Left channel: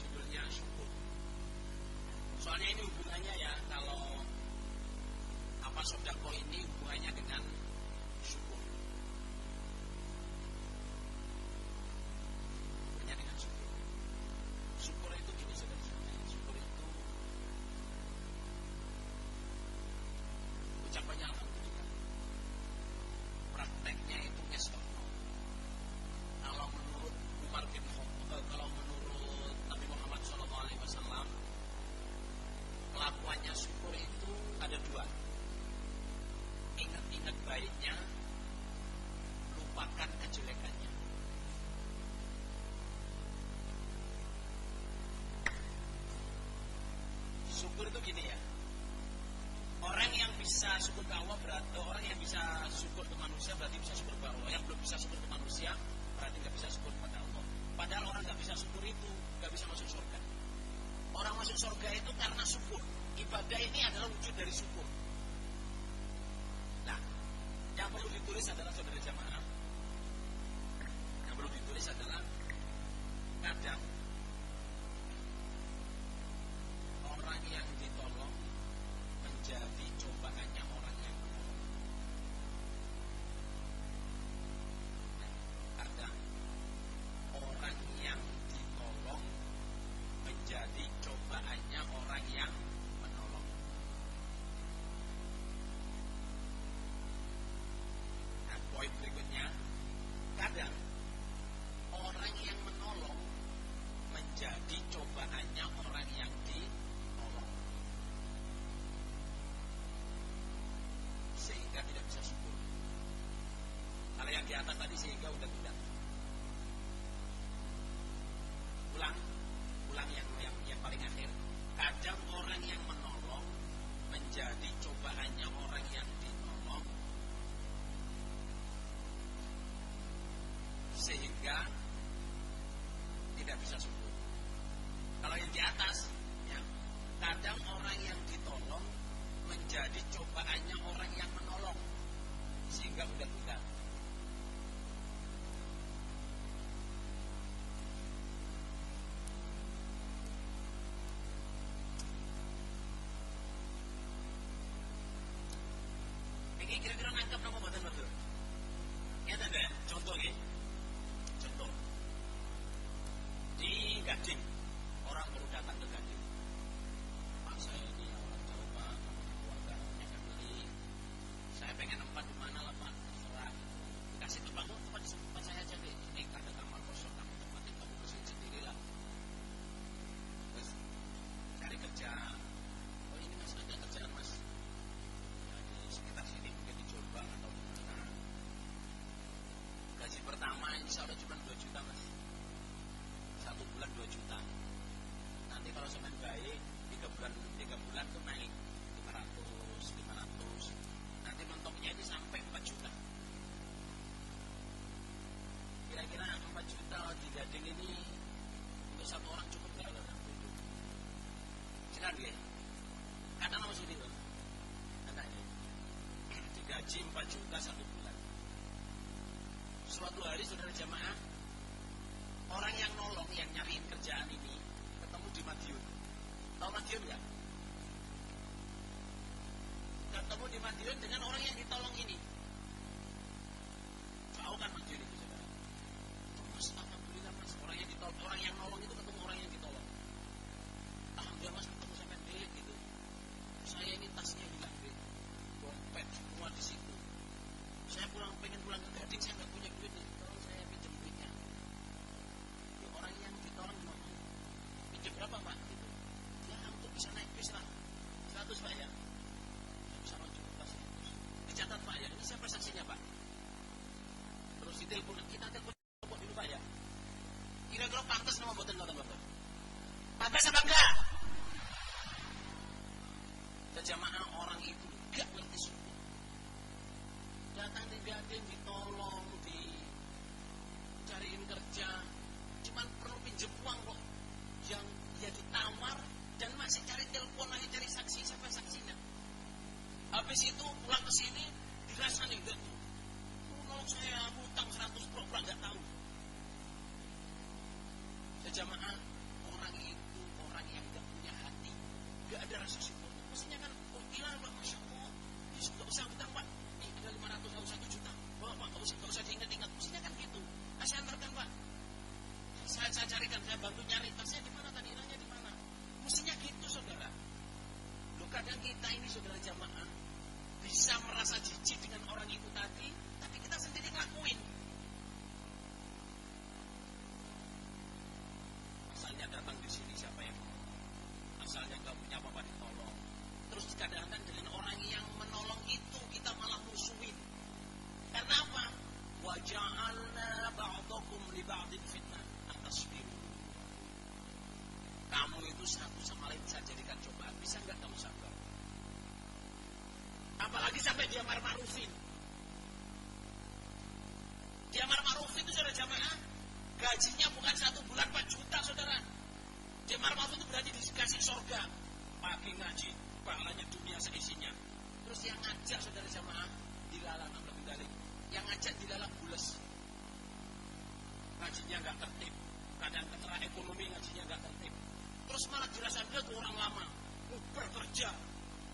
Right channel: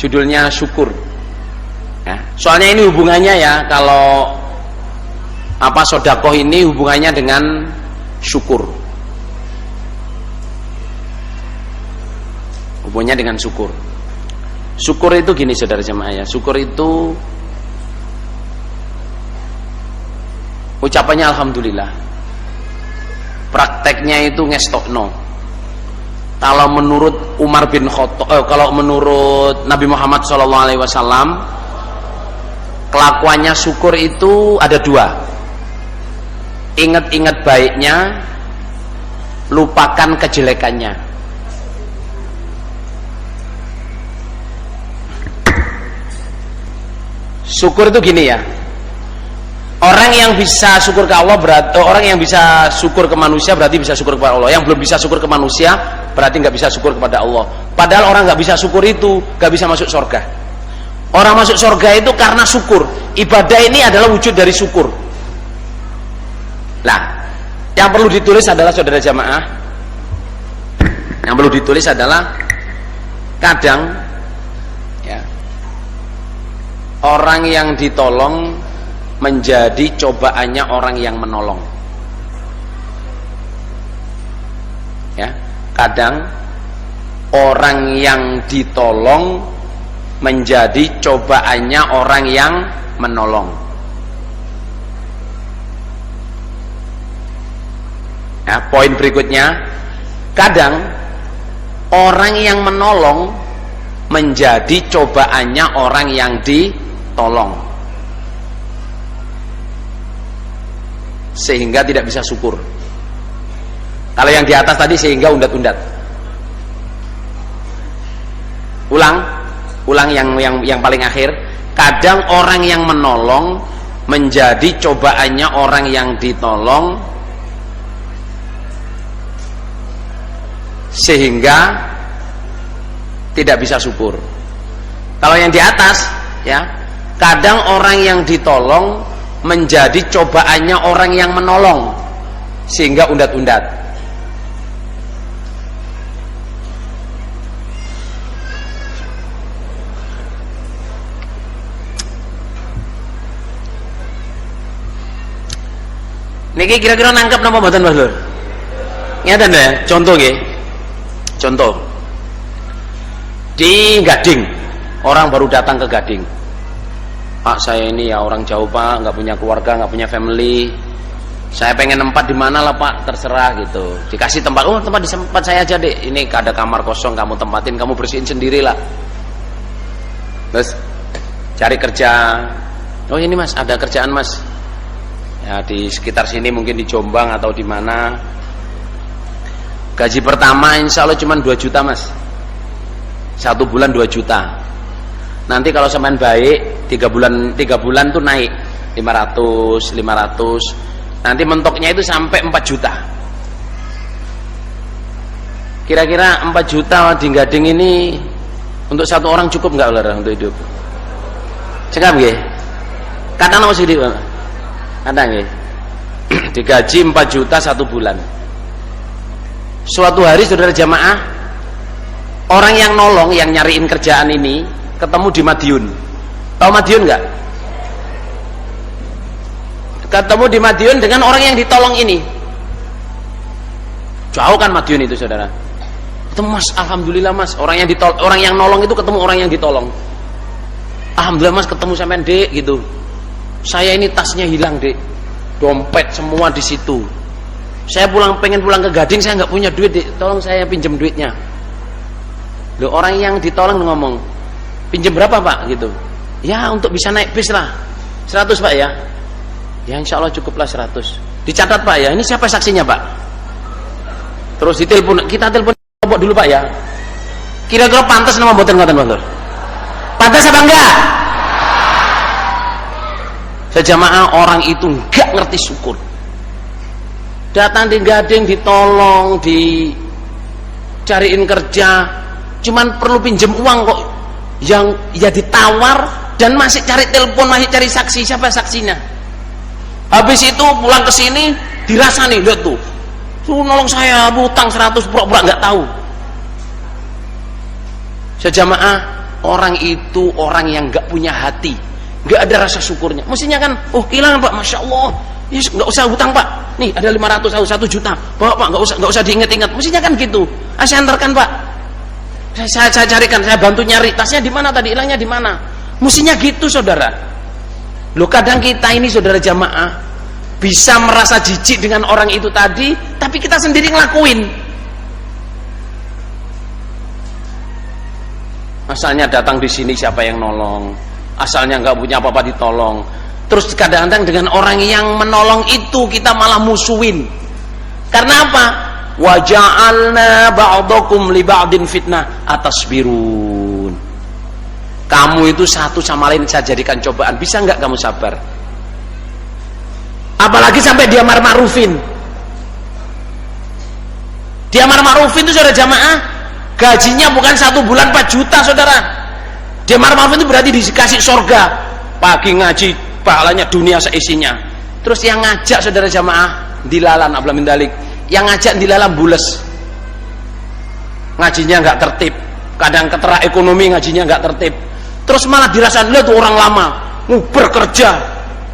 judulnya syukur. Ya, soalnya ini hubungannya ya, kalau apa sodakoh ini hubungannya dengan syukur. Hubungannya dengan syukur. Syukur itu gini saudara jemaah ya, syukur itu ucapannya alhamdulillah. Prakteknya itu ngestokno. Kalau menurut Umar bin Khattab, kalau menurut Nabi Muhammad SAW, kelakuannya syukur itu ada dua. Ingat-ingat baiknya, lupakan kejelekannya. Syukur itu gini ya, orang yang bisa syukur ke Allah berarti orang yang bisa syukur ke manusia berarti bisa syukur kepada Allah. Yang belum bisa syukur ke manusia berarti nggak bisa syukur kepada Allah. Padahal orang nggak bisa syukur itu nggak bisa masuk surga. Orang masuk surga itu karena syukur. Ibadah ini adalah wujud dari syukur. Nah, yang perlu ditulis adalah saudara jamaah, yang perlu ditulis adalah kadang ya, orang yang ditolong menjadi cobaannya orang yang menolong. Ya, kadang orang yang ditolong menjadi cobaannya orang yang menolong. Ya, poin berikutnya, kadang orang yang menolong menjadi cobaannya orang yang ditolong, sehingga tidak bisa syukur. Kalau yang di atas tadi sehingga undat-undat. Ulang yang paling akhir. Kadang orang yang menolong menjadi cobaannya orang yang ditolong, sehingga tidak bisa syukur. Kalau yang di atas ya, kadang orang yang ditolong menjadi cobaannya orang yang menolong, sehingga undat-undat. Niki kira-kira nangkep napa mboten Mas Lur? Ngeten ya, contoh nggih. Contoh. Di Gading, orang baru datang ke Gading. Pak, saya ini ya orang jauh Pak, nggak punya keluarga, nggak punya family. Saya pengen tempat di mana lah Pak, terserah gitu. Dikasih tempat, oh tempat di tempat saya aja deh. Ini ada kamar kosong, kamu tempatin, kamu bersihin sendiri lah. Terus cari kerja. Oh ini Mas, ada kerjaan Mas. Ya di sekitar sini mungkin di Jombang atau di mana. Gaji pertama insya Allah cuma 2 juta Mas. 1 bulan 2 juta. Nanti kalau sampean baik 3 bulan tuh naik 500. Nanti mentoknya itu sampai 4 juta. Kira-kira 4 juta di Gading ini untuk satu orang cukup nggak Ular untuk hidup? Cekap nggih? Kadang apa sih di kadang nggih. Digaji 4 juta 1 bulan. Suatu hari saudara jamaah, orang yang nolong, yang nyariin kerjaan ini ketemu di Madiun. Tahu Madiun nggak? Ketemu di Madiun dengan orang yang ditolong ini. Jauh kan Madiun itu saudara. Ketemu Mas, alhamdulillah Mas, orang yang nolong itu ketemu orang yang ditolong. Alhamdulillah Mas, ketemu sampean Dek gitu. Saya ini tasnya hilang Dek, dompet semua di situ. Saya pengen pulang ke Gading, saya nggak punya duit Dek, tolong saya pinjam duitnya. Loh, orang yang ditolong ngomong, pinjam berapa Pak gitu? Ya untuk bisa naik bis lah, 100 Pak ya. Ya insya Allah cukuplah 100. Dicatat Pak ya, ini siapa saksinya Pak? Terus ditelepon, kita telepon dulu Pak ya. Kira-kira pantas nama mboten ngoten Pak? Pantas apa enggak? Sejamaah orang itu enggak ngerti syukur. Datang di Gading ditolong, dicariin kerja, cuman perlu pinjam uang kok. Yang ya ditawar dan masih cari telepon, masih cari saksi. Siapa saksinya? Habis itu pulang ke sini dirasani, lihat tuh. Tuh nolong saya, hutang 100, pura-pura enggak tahu. Sejamaah orang itu orang yang nggak punya hati, nggak ada rasa syukurnya. Mestinya kan, oh kehilangan Pak, Masya Allah, yes, nggak usah hutang Pak, nih ada 500, 1 juta, bawa Pak, nggak usah diingat-ingat. Mestinya kan gitu. Saya antarkan Pak, saya carikan, saya bantu nyari tasnya di mana tadi, hilangnya di mana. Mestinya gitu saudara. Loh kadang kita ini saudara jamaah bisa merasa jijik dengan orang itu tadi, tapi kita sendiri ngelakuin. Asalnya datang di sini siapa yang nolong, asalnya nggak punya apa-apa ditolong. Terus kadang-kadang dengan orang yang menolong itu kita malah musuhin. Karena apa? Wa ja'alna ba'dakum li ba'din fitnah atasbirun. Kamu itu satu sama lain saya jadikan cobaan. Bisa nggak kamu sabar? Apalagi sampai dia ma'rufin. Dia ma'rufin itu saudara jamaah, gajinya bukan 1 bulan 4 juta saudara. Dia ma'rufin itu berarti dikasih surga. Pagi ngaji, pahalanya dunia seisinya. Terus yang ngajak saudara jamaah dilalan abla min dalik. Yang ngajak dilalan bules. Ngajinya nggak tertib. Kadang ketera ekonomi ngajinya nggak tertib. Terus malah dirasakan, lihat tuh orang lama nguber kerja.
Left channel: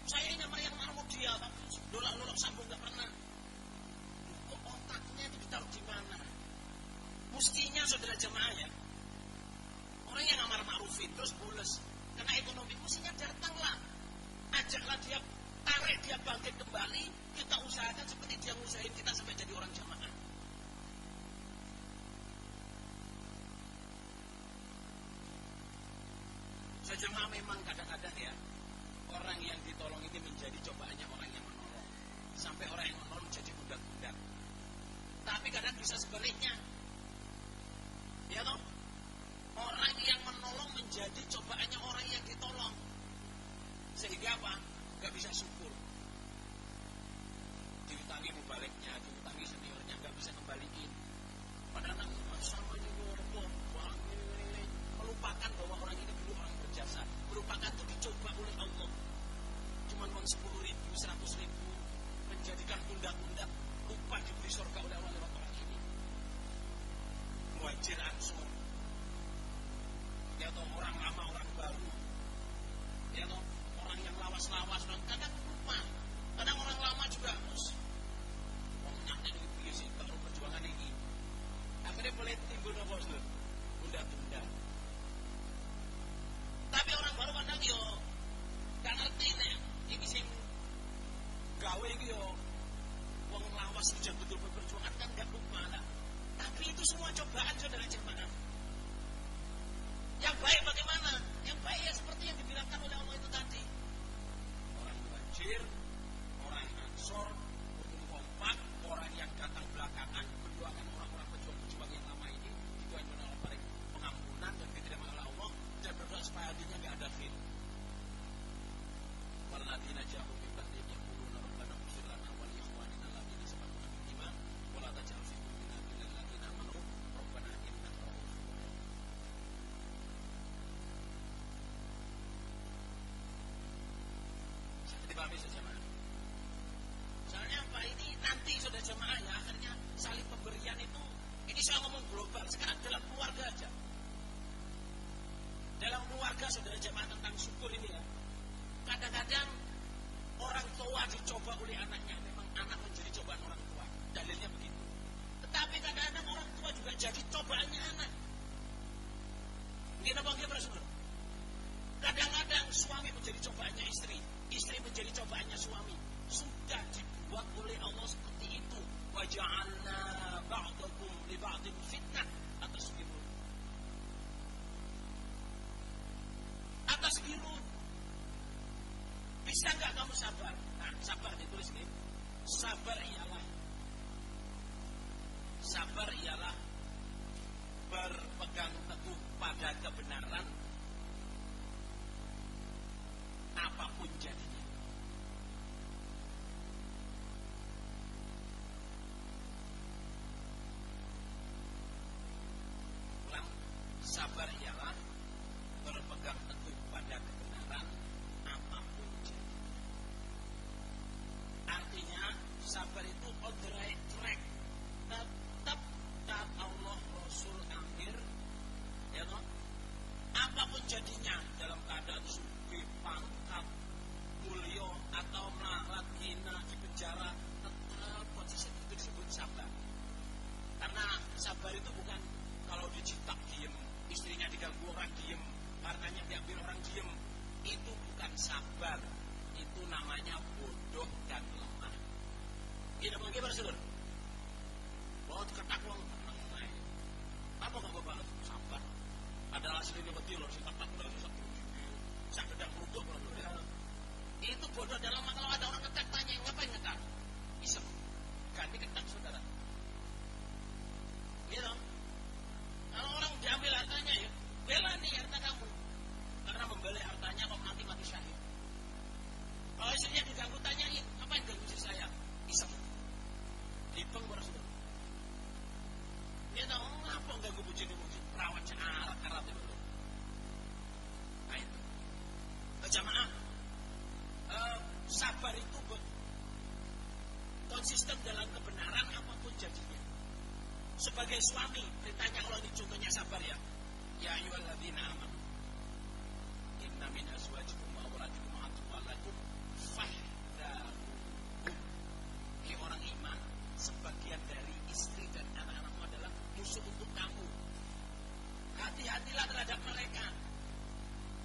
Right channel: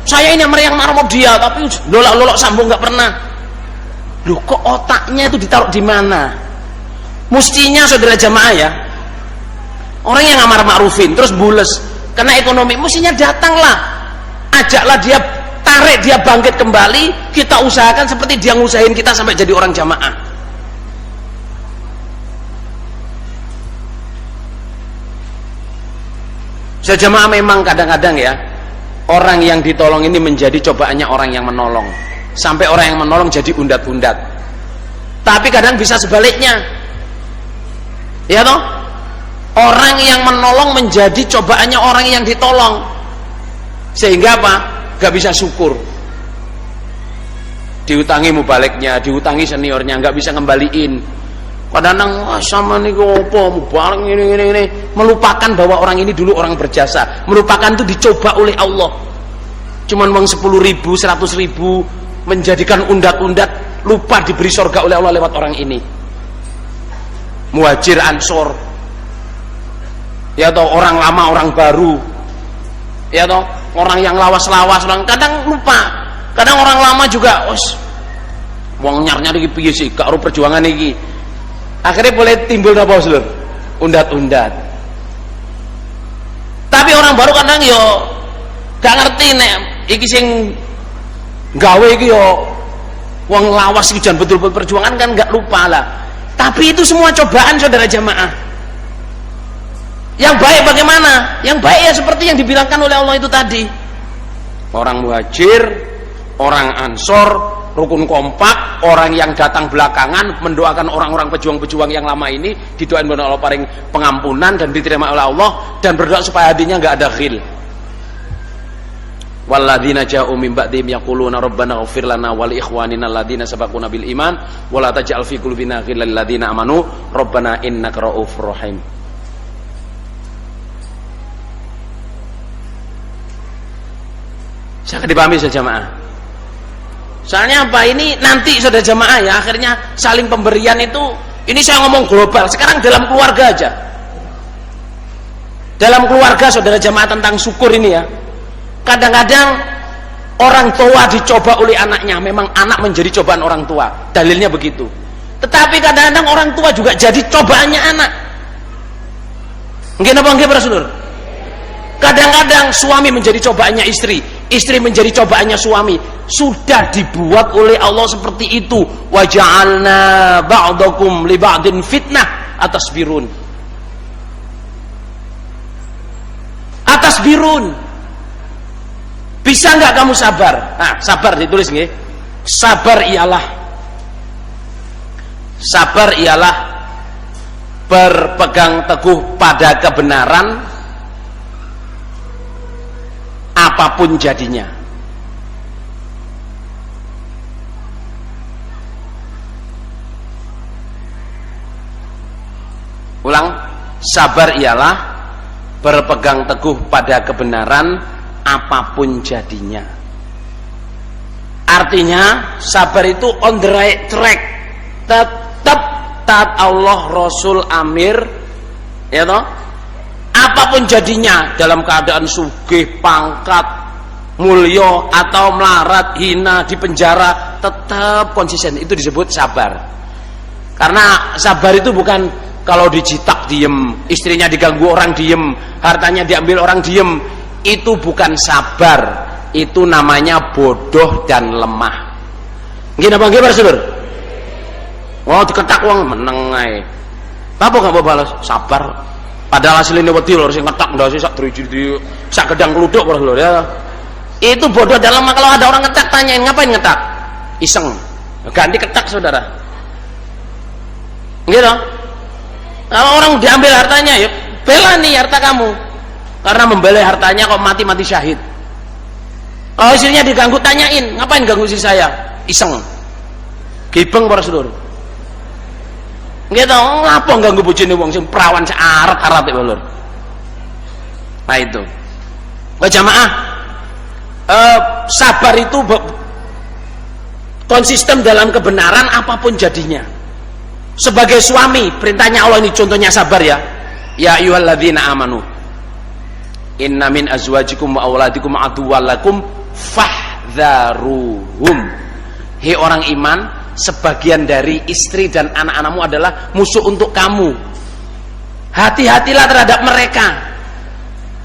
Saya ini yang marah dia, tapi lolok-lolok sambung nggak pernah. Loh kok otaknya itu ditaruh di mana? Mestinya saudara jamaah ya, orang yang ngamar ma'rufin terus bules karena ekonomi, mestinya datanglah, ajaklah dia, tarik dia bangkit kembali, kita usahakan seperti dia ngusahain kita sampai jadi orang jamaah. Saudara jamaah memang kadang-kadang ya, orang yang ditolong ini menjadi cobaannya orang yang menolong, sampai orang yang menolong jadi undat-undat. Tapi kadang bisa sebaliknya, ya toh, orang yang menolong menjadi cobaannya orang yang ditolong, sehingga apa? Gak bisa syukur. Diutangi mubaliknya, diutangi seniornya, gak bisa ngembaliin. Kadang-kadang sama nih gopo mubalik ini, melupakan bahwa orang ini dulu orang berjasa, melupakan itu dicoba oleh Allah. Cuman uang 10.000, 100.000 menjadikan undat-undat, lupa diberi surga oleh Allah lewat orang ini. Muhajir ansor, ya toh, orang lama orang baru, ya toh, orang yang lawas-lawas, orang kadang lupa. Kadang orang lama juga, wong nyar-nyar iki piye sih, gak ero perjuangan iki. Akhirnya boleh timbul apa Lur? Undat-undat. Tapi orang baru kadang yo gak ngerti nek iki sing gawe iki yo wong lawas iki jan betul-betul perjuangan kan, gak lupa lah. Tapi itu semua cobaan saudara jamaah. Yang baik bagaimana? Yang baik ya seperti yang dibilangkan oleh Allah itu tadi. Orang muhajir, orang ansor, rukun kompak, orang yang datang belakangan mendoakan orang-orang pejuang-pejuang yang lama ini, didoain oleh Allah paling pengampunan dan diterima oleh Allah, dan berdoa supaya hatinya nggak ada ghil. Walladzina ja'u min ba'dihim yaquluna rabbana ighfir lana wa li ikhwanina alladzina sabaquna bil iman wa la taj'al fi qulubina ghillan lil ladzina amanu rabbana innaka ra'ufur rahim. Saya dipahami saja jamaah. Soalnya apa, ini nanti saudara jamaah ya, akhirnya saling pemberian itu, ini saya ngomong global, sekarang dalam keluarga aja. Dalam keluarga saudara jamaah tentang syukur ini ya. Kadang-kadang orang tua dicoba oleh anaknya, memang anak menjadi cobaan orang tua, dalilnya begitu. Tetapi kadang-kadang orang tua juga jadi cobaannya anak. Nggih napa nggih para sedulur? Kadang-kadang suami menjadi cobaannya istri, istri menjadi cobaannya suami. Sudah dibuat oleh Allah seperti itu. Wa ja'alna ba'dakum li ba'din fitnah atasbirun. Atasbirun. Bisa nggak kamu sabar? Nah, sabar ditulis nggih. Sabar ialah berpegang teguh pada kebenaran apapun jadinya. Ulang, sabar ialah berpegang teguh pada kebenaran apapun jadinya. Artinya sabar itu on the right track, tetap taat Allah, Rasul, Amir, ya toh. apapun jadinya, dalam keadaan sugih, pangkat, mulya atau melarat, hina, di penjara, tetap konsisten. Itu disebut sabar. Karena sabar itu bukan kalau dijitak diem, istrinya diganggu orang diem, hartanya diambil orang diem. Itu bukan sabar, itu namanya bodoh dan lemah. Gini apa gimana saudara? Oh diketak uang meneng ae. Apa gak mau balas? Sabar. Padahal hasilnya wedi lho sing ngetak ndak sih sak driji sak gedang keluduk lho ya. Itu bodoh dan lemah. Kalau ada orang ngetak tanyain ngapain ngetak? Iseng. Ganti ketak saudara. Gitu. Kalau orang diambil hartanya ya bela nih harta kamu. Karena membela hartanya kok mati-mati syahid. Kalau istrinya diganggu tanyain, ngapain ganggu istri saya? Iseng. Gibeng para saudara. Gitu, ngapa ganggu bojone wong sing perawan searat-arat iki lho. Nah itu. Wah jamaah, sabar itu konsisten dalam kebenaran apapun jadinya. Sebagai suami, perintahnya Allah ini contohnya sabar ya. Ya ayyuhalladzina amanu. Inna min azwajikum wa auladikum aduwwan lakum fahdharuhum. Hei orang iman, sebagian dari istri dan anak-anakmu adalah musuh untuk kamu. Hati-hatilah terhadap mereka.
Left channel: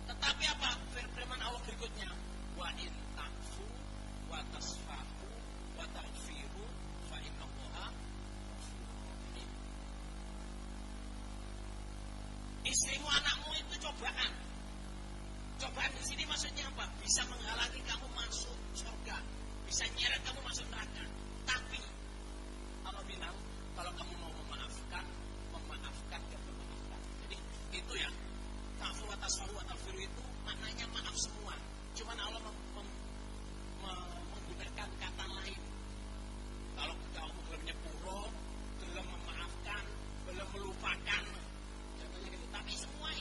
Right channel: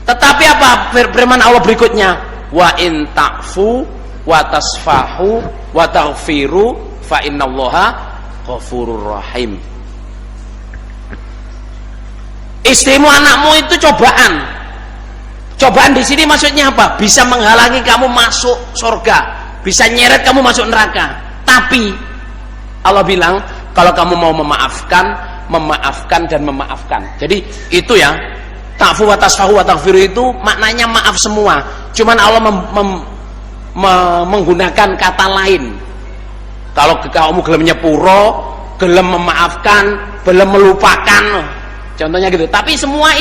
Tetapi apa firman Allah berikutnya? Wa in ta'fu wa tasfahu wa taghfiru fa innallaha ghafurur rahim. Istrimu, anakmu itu cobaan. Cobaan di sini maksudnya apa? Bisa menghalangi kamu masuk surga, bisa nyeret kamu masuk neraka. Tapi Allah bilang kalau kamu mau memaafkan, memaafkan dan memaafkan. Jadi itu ya, ta'fu wa tasfahu wa taghfiru itu maknanya maaf semua. Cuman Allah menggunakan kata lain. Kalau kamu gelem nyepuro, gelem memaafkan, gelem melupakan, contohnya gitu. Tapi semua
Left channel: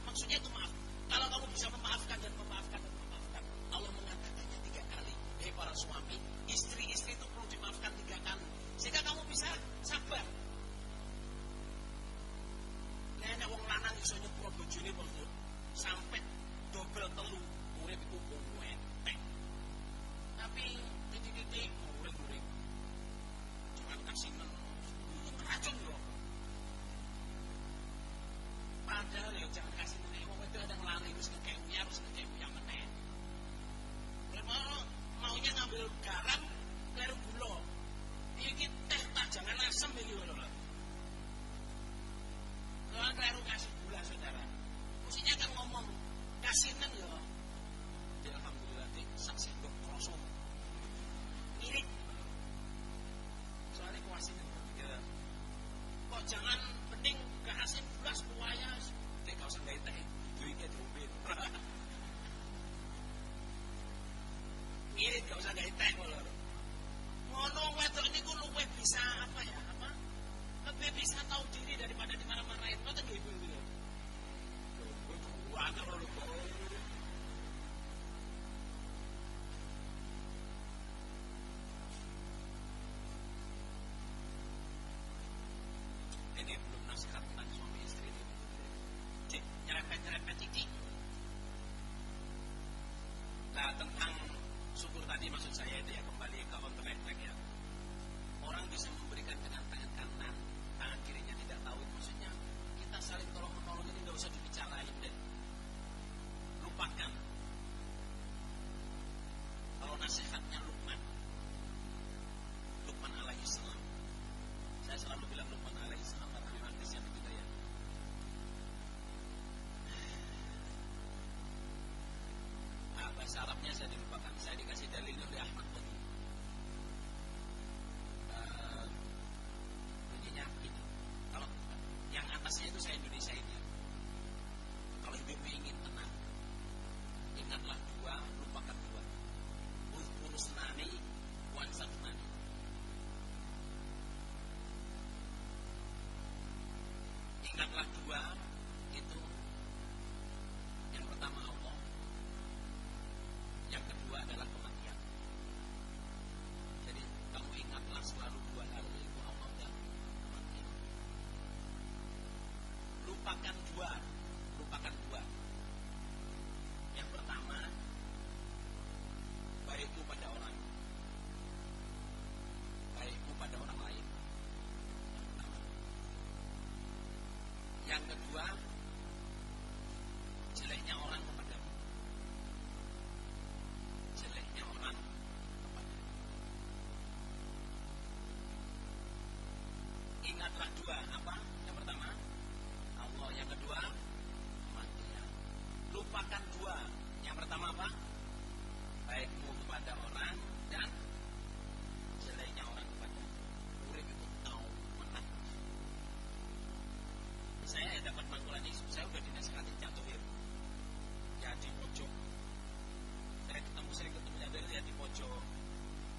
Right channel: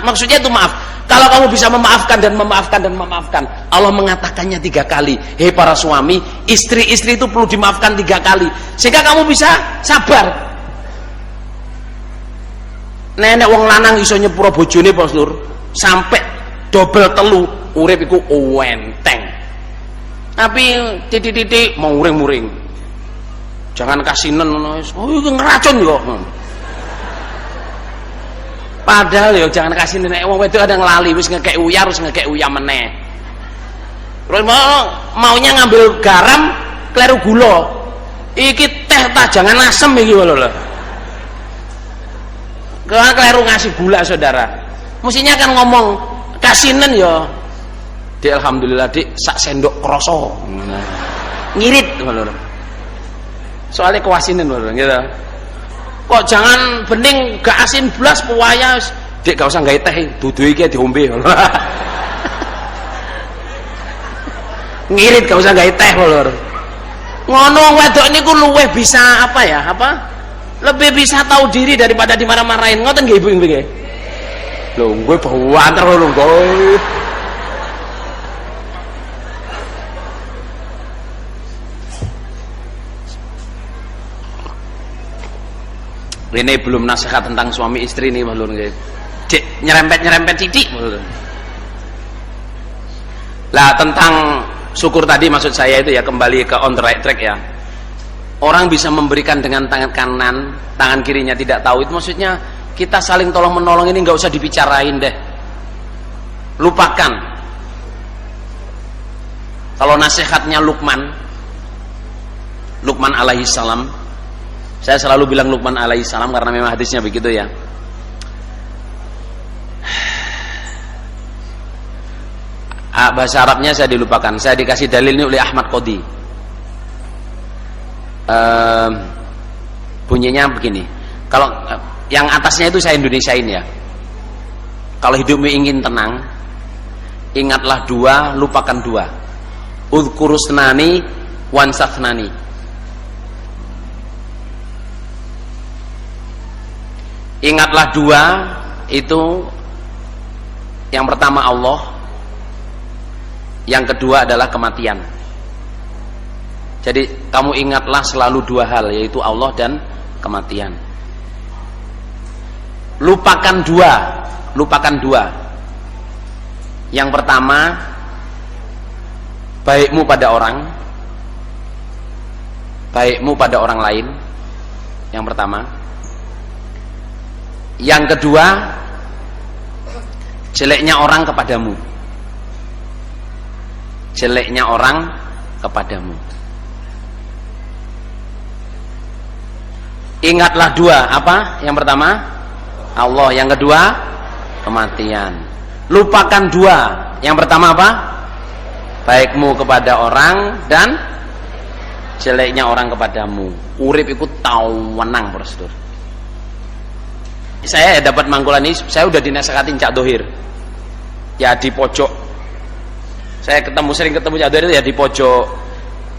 maksudnya itu maaf. Kalau kamu bisa memaafkan dan memaafkan dan memaafkan, Allah mengatakannya 3 kali. Hei para suami, istri-istri itu perlu dimaafkan 3 kali, sehingga kamu bisa sabar. Nenek wong lanang iso nyepuro bojone Pastur, sampai double telu, urip iku enteng. Tapi titik-titik mau muring-muring. Jangan kasinen ngono wis. Oh iki ngeracun kok. Padahal ya jangan kasih nenek wong wedok ada ngelali wis ngekek uyar wis ngekek uyah meneh. Terus maunya ngambil garam kleru gula. Iki teh ta jangan asem iki lho. Kalau kleru ngasih gula saudara. Mestinya kan ngomong kasinen ya. Dik alhamdulillah dik sak sendok kroso. Ngirit lho. Soalnya kewasinen lho gitu. Kok jangan bening gak asin blas puwaya dik gak usah gawe teh dudu iki diombe. Ngirit gak usah gawe teh lho. Ngono wedok niku luweh bisa apa ya? Apa? Lebih bisa tahu diri daripada dimarah-marahin. Ngoten nggih Ibu nggih. Lho, gue banter lho gue. Ini belum nasihat tentang suami istri nih Lur nggih. Dik nyerempet titik Lur. Lah tentang syukur tadi maksud saya itu ya kembali ke on the right track ya. Orang bisa memberikan dengan tangan kanan, tangan kirinya tidak tahu, itu maksudnya kita saling tolong menolong ini nggak usah dibicarain deh. Lupakan. Kalau nasihatnya Luqman alaihi salam, saya selalu bilang Luqman alaihi salam karena memang hadisnya begitu ya. Bahasa Arabnya saya dilupakan. Saya dikasih dalil ini oleh Ahmad Qodi. Bunyinya begini. Kalau yang atasnya itu saya Indonesiain ya. Kalau hidupmu ingin tenang, ingatlah 2, lupakan 2. Udhkurusnani wansathnani. Ingatlah 2 itu, yang pertama Allah, yang kedua adalah kematian. Jadi kamu ingatlah selalu 2 hal, yaitu Allah dan kematian. Lupakan 2, lupakan dua. Yang pertama, baikmu pada orang, baikmu pada orang lain. Yang pertama. Yang kedua, jeleknya orang kepadamu. Jeleknya orang kepadamu. Ingatlah dua, apa? Yang pertama Allah, yang kedua kematian. Lupakan dua. Yang pertama apa? Baikmu kepada orang dan jeleknya orang kepadamu. Urip ikut tau wenang, Bro. Saya dapat mangkulan ini, saya udah dinasehati Cak Dohir. Ya di pojok. Saya sering ketemu Cak Dohir ya di pojok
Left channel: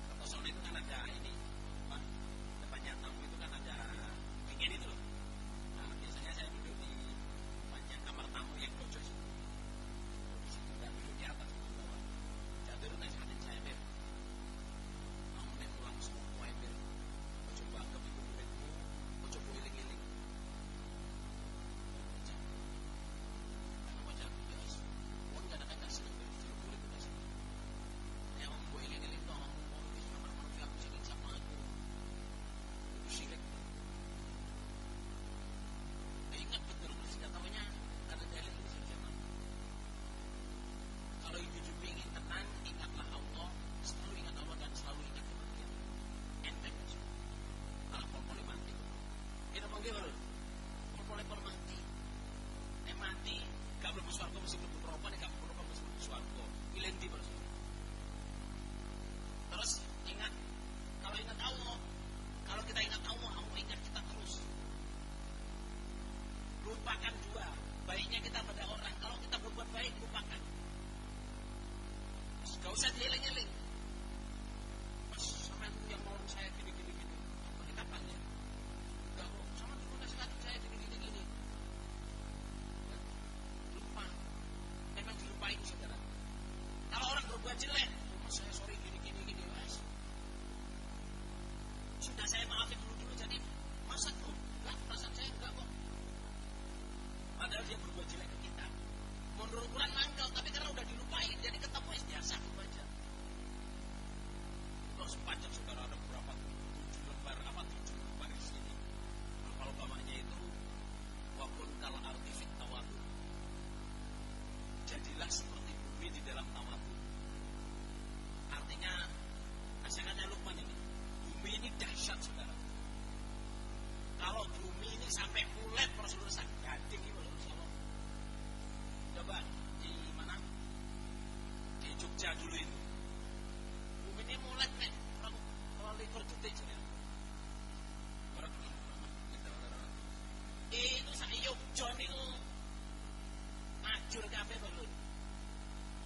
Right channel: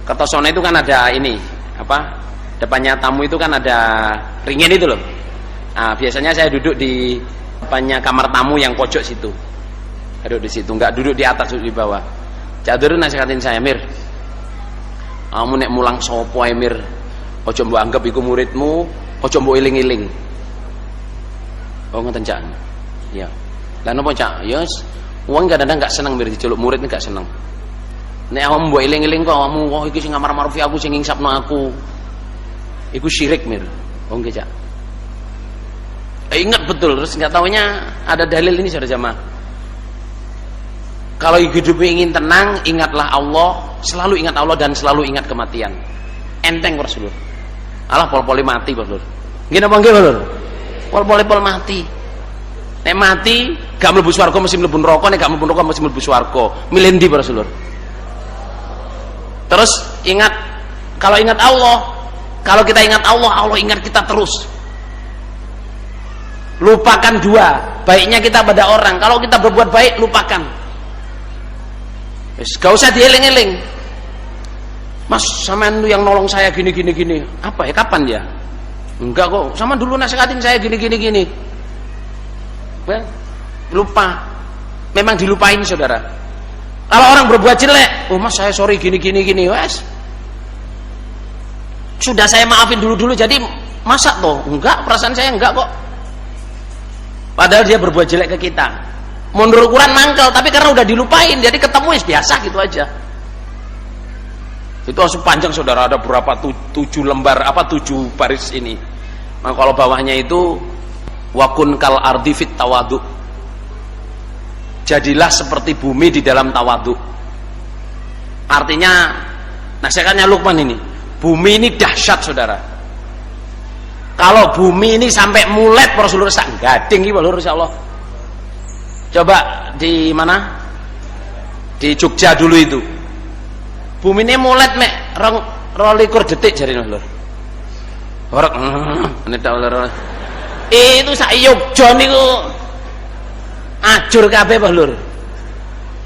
Kertosono itu kan ada ini, apa? Depannya tamu itu kan ada ringin itu loh. Nah, biasanya saya duduk di depannya kamar tamu yang pojok situ. Duduk di situ, enggak duduk di atas, duduk di bawah. Cak Dohir nasihatin saya, Mir, kamu nek mulang sopo ae, Mir, ojo mbok anggap iku muridmu, ojo mbok iling-iling. Oh ngoten Cak. Ya. Lah napa Cak? Ya wong kadang-kadang enggak seneng mir diceluk murid enggak seneng. Nek awakmu mbok eling-eling kok awakmu wah iki sing ngamar marufi aku sing ngingsapno aku. Iku syirik mir. Oh nggih Cak. Ingat betul, terus enggak taunya ada dalil ini saudara jamaah. Kalau hidup ingin tenang, ingatlah Allah, selalu ingat Allah dan selalu ingat kematian. Enteng Rasulullah. Alah pol-poli mati Rasulullah. Nggih napa nggih Rasulullah? Pol-pol mati. Nek mati gak mlebu swarga mesti mlebu neraka, nek gak mlebu neraka mesti mlebu swarga. Milih ndi Rasulullah? Terus ingat, kalau ingat Allah, kalau kita ingat Allah, Allah ingat kita terus. Lupakan dua, baiknya kita pada orang. Kalau kita berbuat baik, lupakan. Gak usah dieling-eling. Mas, sampean yang nolong saya gini. Apa ya, kapan ya? Enggak kok, sama dulu nasihatin saya gini. Lupa. Memang dilupain saudara. Kalau orang berbuat jelek, oh mas saya sorry gini, wes. Sudah saya maafin dulu, jadi masa toh? Enggak, perasaan saya enggak kok. Padahal dia berbuat jelek ke kita. Menurut ukuran mangkel, tapi karena udah dilupain, jadi ketemu biasa gitu aja. Itu langsung panjang saudara, ada berapa 7 lembar, 7 baris ini. Nah, kalau bawahnya itu wakun kal ardi fit tawadu. Jadilah seperti bumi di dalam tawadu. Artinya nasihatnya Luqman ini, bumi ini dahsyat saudara. Kalau bumi ini sampai mulet Rasulullah sak gading iki lho insyaallah. Coba di mana? Di Jogja dulu itu. Bumi ini mulet mek 22 detik jarine lho. Horek itu sak Yogja niku ajur kabeh Pak Lur.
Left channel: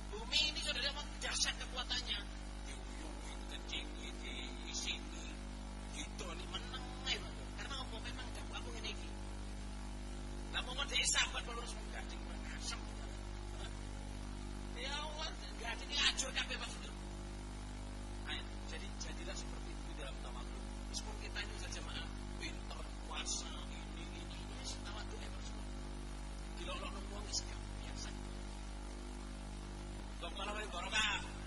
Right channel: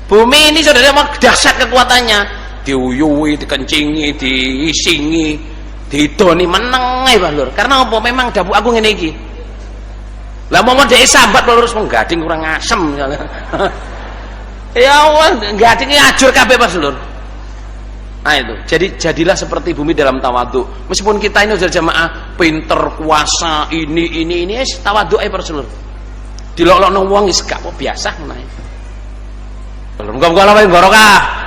Bumi ini saudara dahsyat kekuatannya, diuyuwi, dikencingi, diisingi, didoni meneng ae Pak Lur. Karena apa? Memang dapuk aku ngene iki. Lah momon dhek sambat Pak Lur terus menggading kurang asem. Ya Allah, gadinge ajur kabeh Pak Lur. Nah itu, jadilah seperti bumi dalam tawadhu. Meskipun kita ini sudah jamaah pinter, kuasa, ini tawadhu ae Pak Lur. Dilok-lokno wong wis gak kok biasa ngono ae. Muga-muga Allah barokah.